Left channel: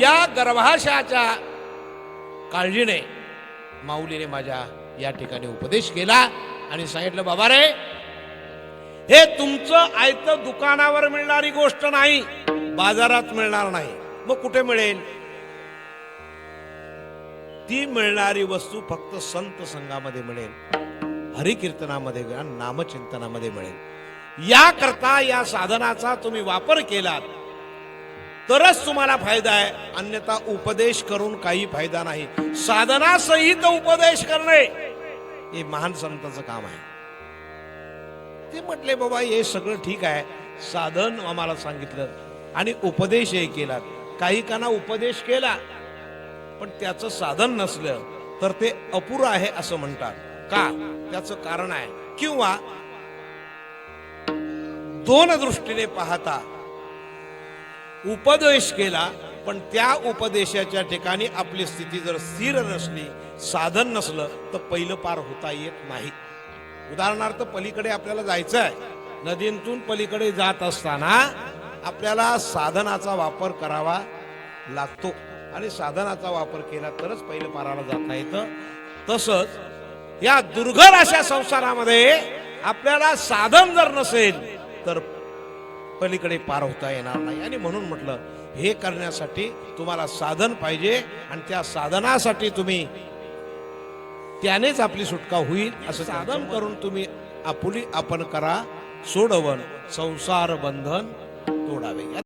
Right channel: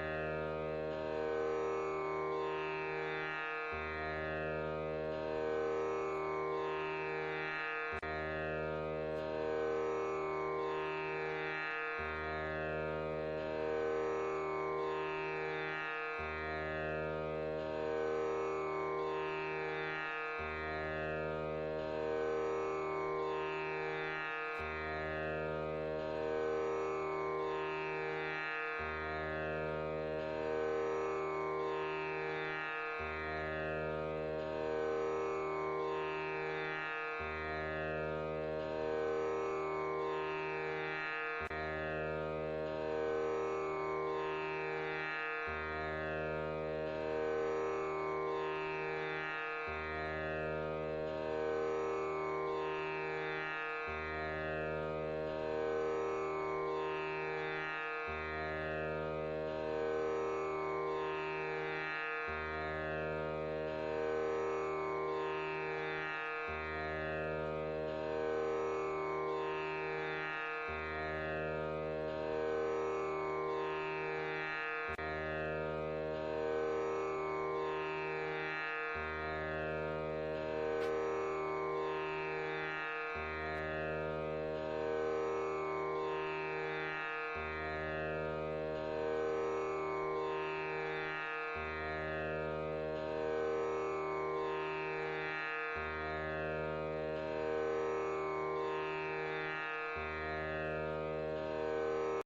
या गर्भाशयाच्या काळजीने माऊलीने माझ्या या ठिकाणी उपदेश केला आणि सांगितलं, बाबा रे, हे तुमचं आयतं दुकानावर मिळणारी गोष्ट नाही, बाजारात मिळणार नाही, मग कुठे मिळेल? ती मिळणारी वस्तू फक्त संत संघामध्ये मिळेल, हरिकीर्तनामध्ये आणि नामचिंतनामध्ये मिळेल. याकरता या साधनाचा तुम्ही वापर केलात तरच तुम्हाला फायदा आहे, अन्यथा उपदेश करून काही फायदा नाही. साधना सहित उपदेश करणे हे महान संतांचं काम आहे. ते म्हटले, बाबा हे सगळं ठीक आहे, साधन आम्हाला सांगितलं आणि उपदेशही केला. काही काना उपदेश केला पण त्याचं साधन नसलं तर ते अपुरं आहे असं म्हणतात. का? त्याचं कारण आहे, किंवा दोन दृष्टीने पाहता उपदेश केला पण त्या उपदेशाच्या ठिकाणी आपली स्थिती जर स्थिर नसली, साधन नसलं, तर पहिलं पार होता येत नाही. उदाहरणार्थ, पलीकडे आपल्याला जायचं आहे, नदीतून पलीकडे जात असताना आपल्याला साधनाचा वापर करावा लागतो आणि साधनाचा वापर केला तरच पहिलं पाराला जाता येतं. तसंच या दुर्घर अशा संसारामध्ये आपल्याला साधन जर नसेल तर पलीकडे पार होता येणार नाही. आणि म्हणून म्हटलं, हे करण्यासाठी तुम्हाला साधन पाहिजे आणि त्या साधनासाठी तुम्ही त्यानेच आपली सुटका होईल असं साधन करून तुम्ही आपुली आपण करा सोडवन संसार बंधन